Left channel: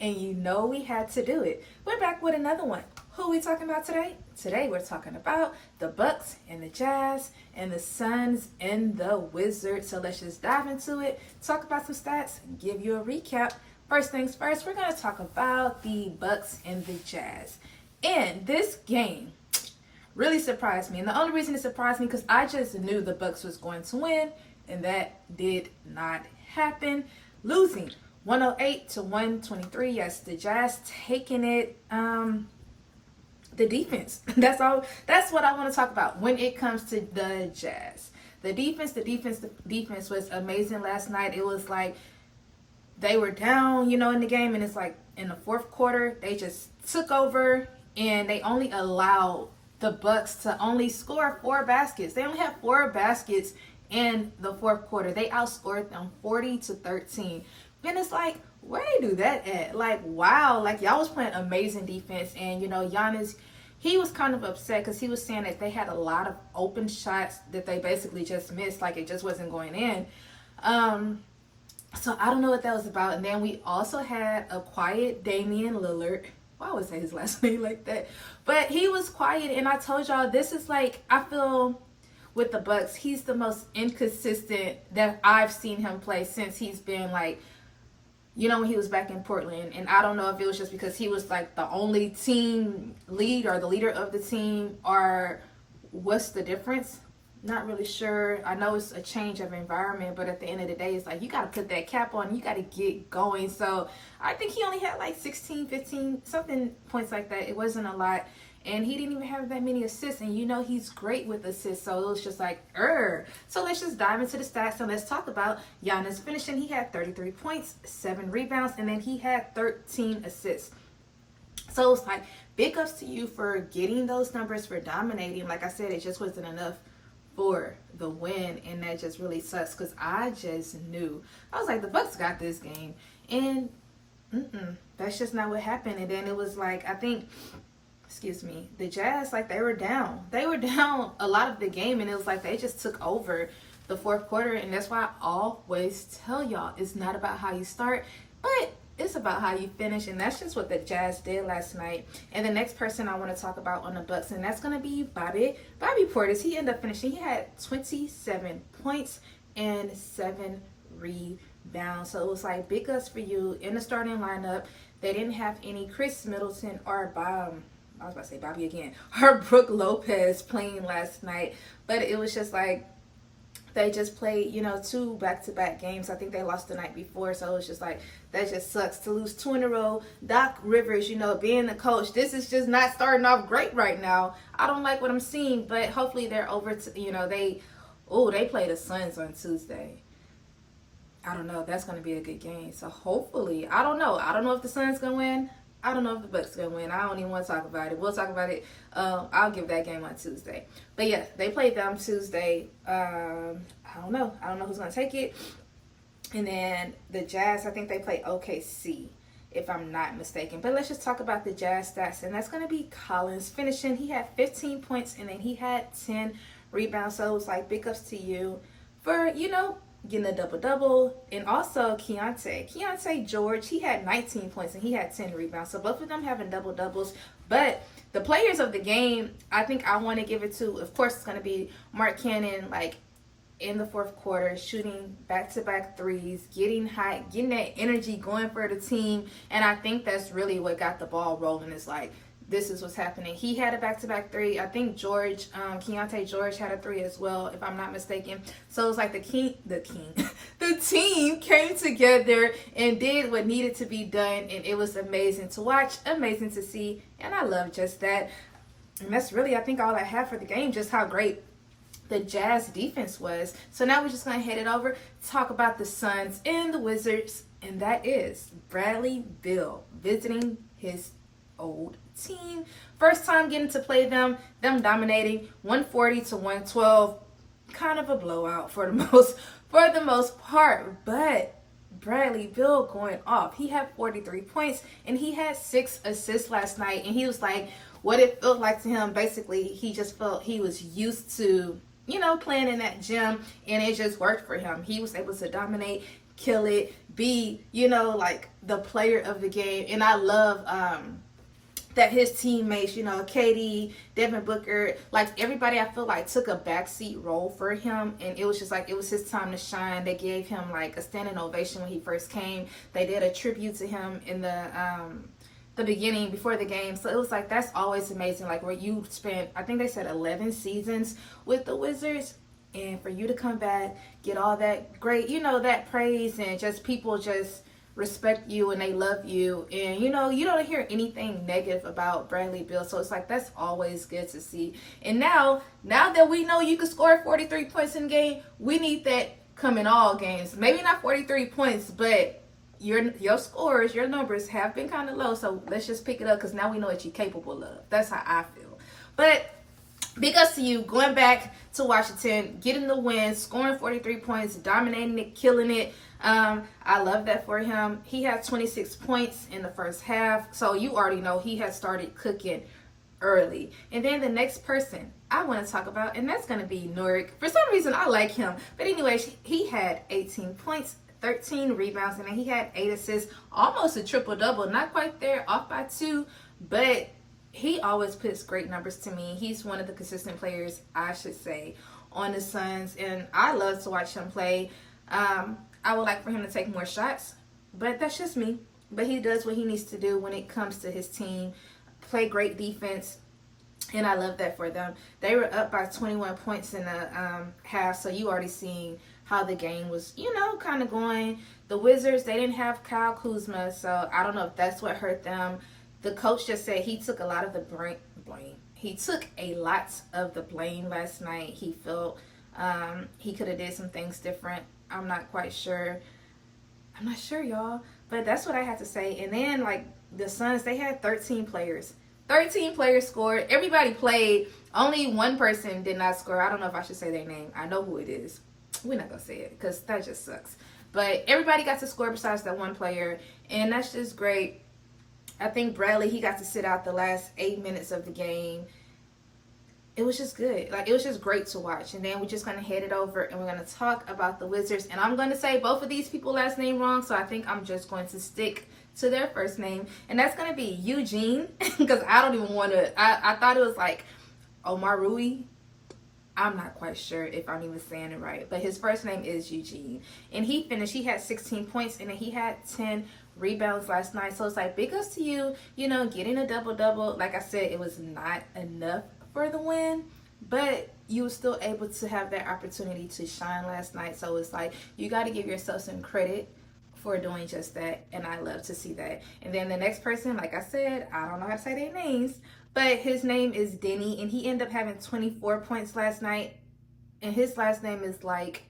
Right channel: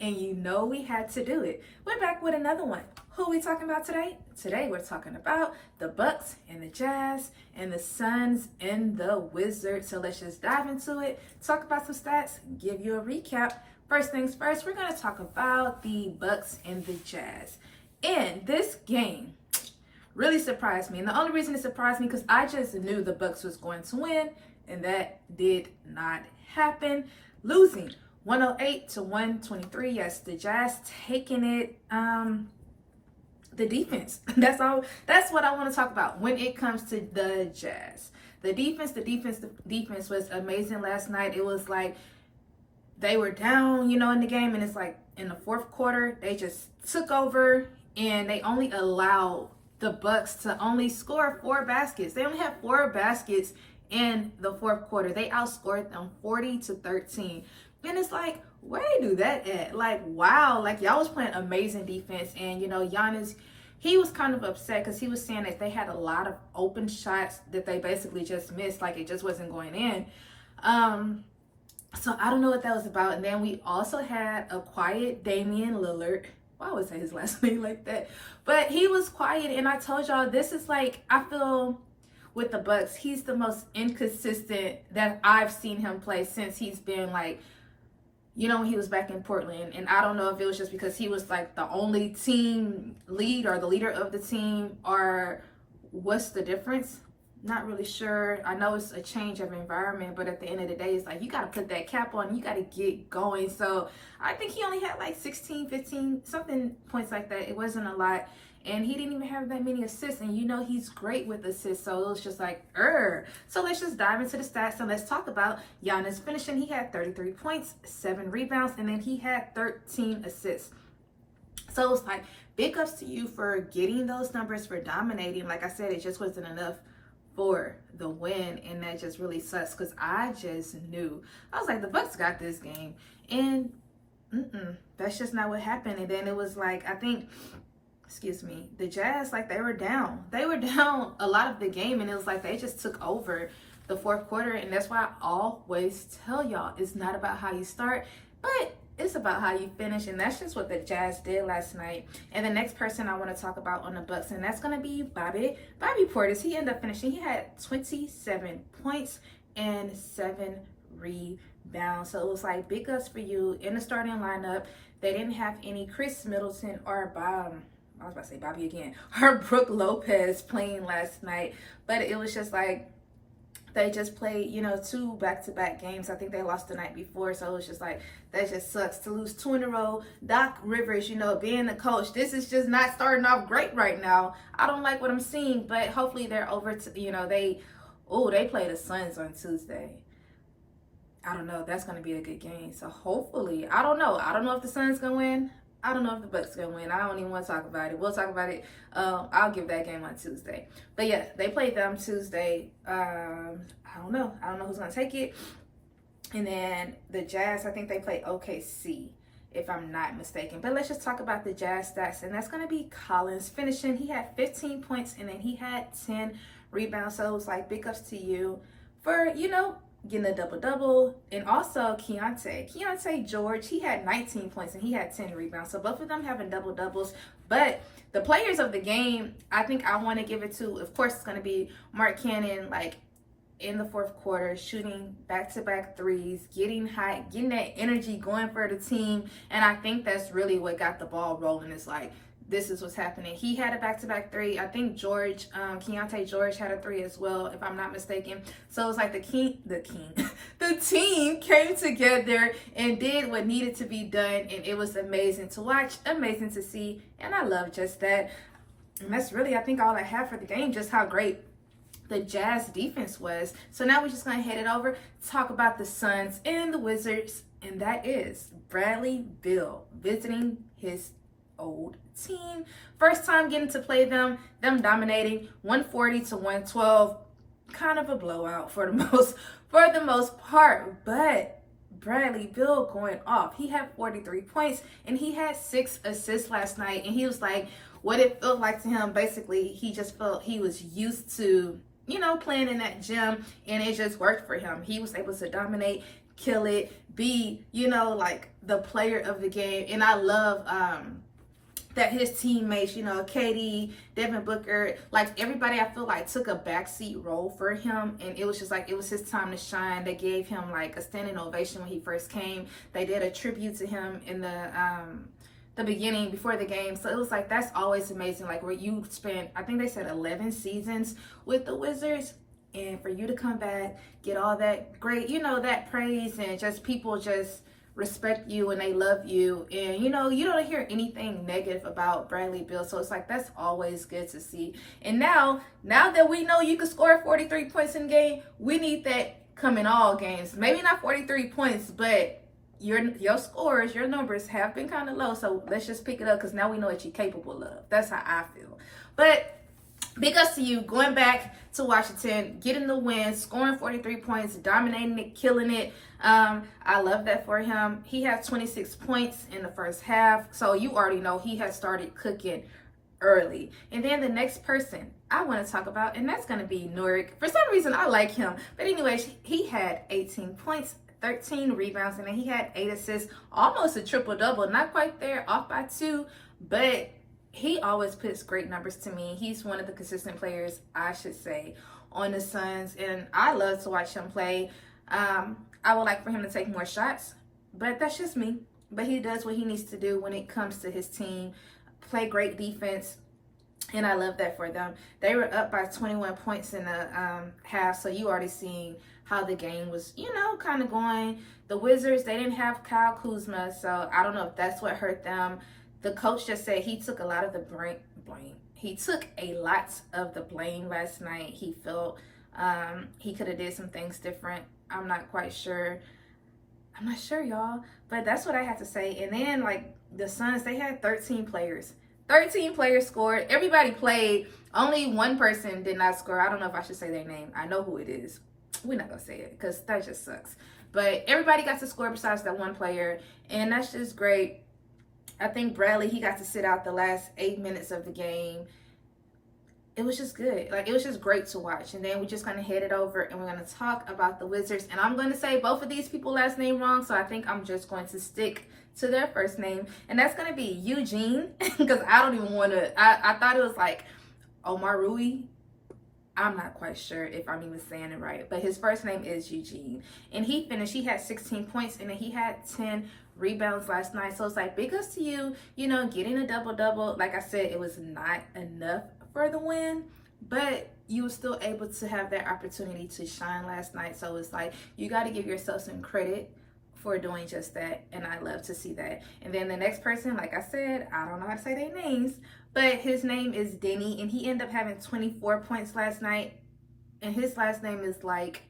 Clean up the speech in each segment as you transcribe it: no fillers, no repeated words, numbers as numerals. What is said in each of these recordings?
and you know we had to do it. We're back with another one. Who are we talking about today? Today we're talking about the Bucks and the Jazz and the Suns and the Wizards. So let's just dive into it, talk about some stats, give you a recap. First things first, we're going to talk about the Bucks and the Jazz. And this game really surprised me. And the only reason it surprised me because I just knew the Bucks was going to win, and that did not happen. Losing 108 to 123. Yes, the Jazz taking it. The defense. That's all. That's what I want to talk about when it comes to the Jazz. The defense was amazing last night. It was like they were down, in the game, and it's like in the fourth quarter they just took over, and they only allowed the Bucks to only score 4 baskets. They only had 4 baskets in the fourth quarter. They outscored them 40-13. And it's like, where they do that at? Like, wow, like y'all was playing amazing defense. And Giannis, he was kind of upset because he was saying that they had a lot of open shots that they basically just missed, like it just wasn't going in. So I don't know what that was about. And then we also had a quiet Damian Lillard. Why would I say his last name like that? But he was quiet, and I told y'all this is like, I feel with the Bucks, he's the most inconsistent that I've seen him play since he's been like, when he was back in Portland. And I don't know if it was just because he was like the only team lead or the leader of the team, or what's the difference? Not really sure. I know it's a change of environment, but at the end of the day, it's like you got to put that cap on. You got to get going. So I think he only had like 16, 15, something points like that. It wasn't a lot. And he didn't even have that many assists. And he's great with assists. So it was just like, So let's just dive into the stats. And let's talk about Giannis finishing. He had 33 points, 7 rebounds, and then he had 13 assists. So it's like, big ups to you for getting those numbers, for dominating. Like I said, it just wasn't enough for the win, and that just really sucks because I just knew. I was like, the Bucks got this game, and that's just not what happened. And then it was like, I think, the Jazz, like they were down a lot of the game, and it was like they just took over the fourth quarter. And that's why I always tell y'all, it's not about how you start, but it's about how you finish. And that's just what the Jazz did last night. And the next person I want to talk about on the Bucks, and that's going to be Bobby Portis. He ended up finishing. He had 27 points and 7 rebounds. So it was like, big ups for you in the starting lineup. They didn't have any Chris Middleton or I was about to say Bobby again, or Brooke Lopez playing last night. But it was just like, they just played, 2 back-to-back games. I think they lost the night before. So it's just like, that just sucks to lose 2 in a row. Doc Rivers, being the coach, this is just not starting off great right now. I don't like what I'm seeing, but hopefully they're over to, they play the Suns on Tuesday. I don't know. That's going to be a good game. So hopefully, I don't know. I don't know if the Suns going to win. I don't know if the Bucks going to win. I don't even want to talk about it. We'll talk about it. I'll give that game on Tuesday. But yeah, they played them Tuesday. I don't know. I don't know who's going to take it. And then the Jazz, I think they play OKC, if I'm not mistaken. But let's just talk about the Jazz stats. And that's going to be Collins finishing. He had 15 points, and then he had 10 rebounds. So it was like, big ups to you for, getting a double-double. And also Keontae George, he had 19 points and he had 10 rebounds. So both of them having double-doubles. But the players of the game, I think I want to give it to, of course, it's going to be Mark Cannon, like in the fourth quarter, shooting back-to-back threes, getting hot, getting that energy going for the team. And I think that's really what got the ball rolling. It's like, this is what's happening. He had a back-to-back 3. I think Keontae George had a 3 as well, if I'm not mistaken. So it was like the team came together and did what needed to be done, and it was amazing to watch, amazing to see, and I love just that. And that's really, I think, all I have for the game, just how great the Jazz defense was. So now we're just going to head it over, talk about the Suns and the Wizards, and that is Bradley Beal visiting his old team. First time getting to play them dominating 140 to 112. Kind of a blowout for the most part, but Bradley Beal going off. He had 43 points and he had 6 assists last night, and he was like, what it felt like to him, basically, he just felt he was used to, playing in that gym, and it just worked for him. He was able to dominate, kill it, be, you know, like the player of the game. And I love that his teammates, you know, Katie, Devin Booker, like everybody, I feel like took a backseat role for him, and it was just like it was his time to shine. They gave him like a standing ovation when he first came. They did a tribute to him in the beginning before the game. So it was like, that's always amazing, like where you spent, I think they said 11 seasons with the Wizards, and for you to come back, get all that great, you know, that praise, and just people just respect you and they love you, and you know, you don't hear anything negative about Bradley Beal. So it's like, that's always good to see. And now that we know you can score 43 points in a game, we need that come in all games. Maybe not 43 points, but your scores, your numbers have been kind of low. So let's just pick it up, because now we know what you're capable of. That's how I feel. But big ups to you going back to Washington, getting the win, scoring 43 points, dominating it, killing it. I love that for him. He had 26 points in the first half, so you already know he had started cooking early. And then the next person I want to talk about, and that's going to be Nurkic. For some reason, I like him. But anyways, he had 18 points, 13 rebounds, and then he had 8 assists, almost a triple-double. Not quite there, off by 2, but he always puts great numbers to me. He's one of the consistent players, I should say, on the Suns, and I love to watch him play. I would like for him to take more shots, but that's just me. But he does what he needs to do when it comes to his team, play great defense, and I love that for them. They were up by 21 points in the half, so you already seen how the game was, you know, kind of going. The Wizards, they didn't have Kyle Kuzma, so I don't know if that's what hurt them. The coach just said he took a lot of the blame. He took a lot of the blame last night. He felt he could have did some things different. I'm not quite sure. I'm not sure, y'all. But that's what I had to say. And then, like, the Suns, they had 13 players. 13 players scored. Everybody played. Only one person did not score. I don't know if I should say their name. I know who it is. We're not going to say it because that just sucks. But everybody got to score besides that one player. And that's just great. I think Bradley, he got to sit out the last 8 minutes of the game. It was just good. Like, it was just great to watch. And then we're just going to head it over and we're going to talk about the Wizards. And I'm going to say both of these people last name wrong, so I think I'm just going to stick to their first name. And that's going to be Eugene, because I don't even want to, I thought it was like Omar Rui. I'm not quite sure if I'm even saying it right, but his first name is Eugene. And he finished, he had 16 points, and then he had 10 rebounds last night. So it's like, big ups to you, you know, getting a double-double. Like I said, it was not enough for the win, but you were still able to have that opportunity to shine last night. So it's like, you got to give yourself some credit for doing just that, and I love to see that. And then the next person, like I said, I don't know how to say their names, but his name is Denny, and he ended up having 24 points last night, and his last name is like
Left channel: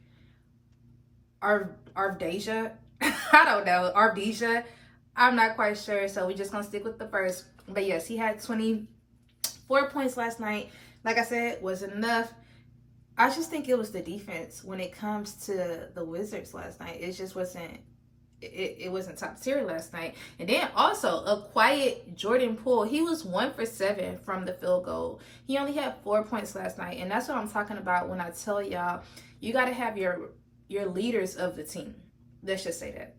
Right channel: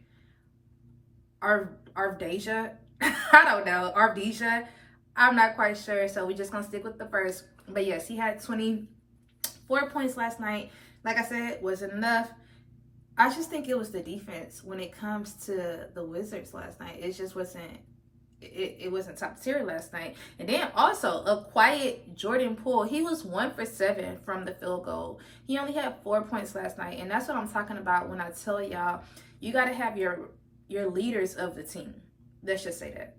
Arvdeja. I don't know, Arvdeja. I'm not quite sure, so we're just gonna stick with the first. But yes, he had 24 points last night. Like I said, wasn't enough. I just think it was the defense when it comes to the Wizards last night. It just wasn't, it wasn't top tier last night. And then also a quiet Jordan Poole. He was 1 for 7 from the field goal. He only had 4 points last night. And that's what I'm talking about when I tell y'all, you got to have your leaders of the team. Let's just say that.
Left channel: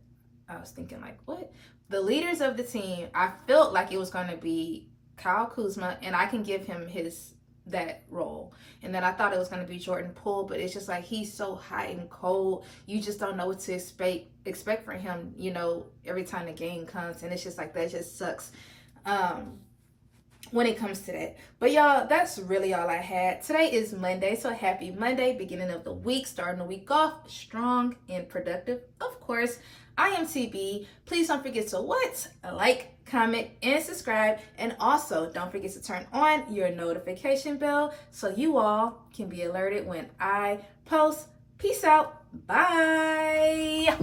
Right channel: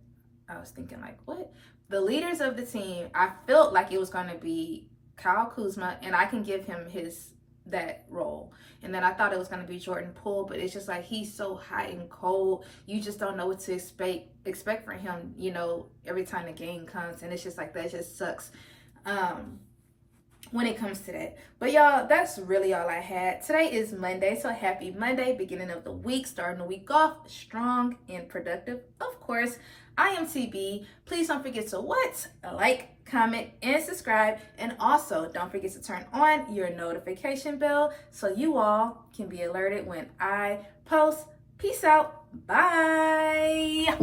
I was thinking like, what? The leaders of the team, I felt like it was going to be Kyle Kuzma, and I can give him that role. And then I thought it was going to be Jordan Poole, but it's just like, he's so hot and cold. You just don't know what to expect from him, you know, every time the game comes. And it's just like, that just sucks when it comes to that. But y'all, that's really all I had. Today is Monday, so happy Monday, beginning of the week, starting the week off strong and productive. Of course, I am TB. Please don't forget to like, comment, and subscribe. And also, don't forget to turn on your notification bell so you all can be alerted when I post. Peace out. Bye.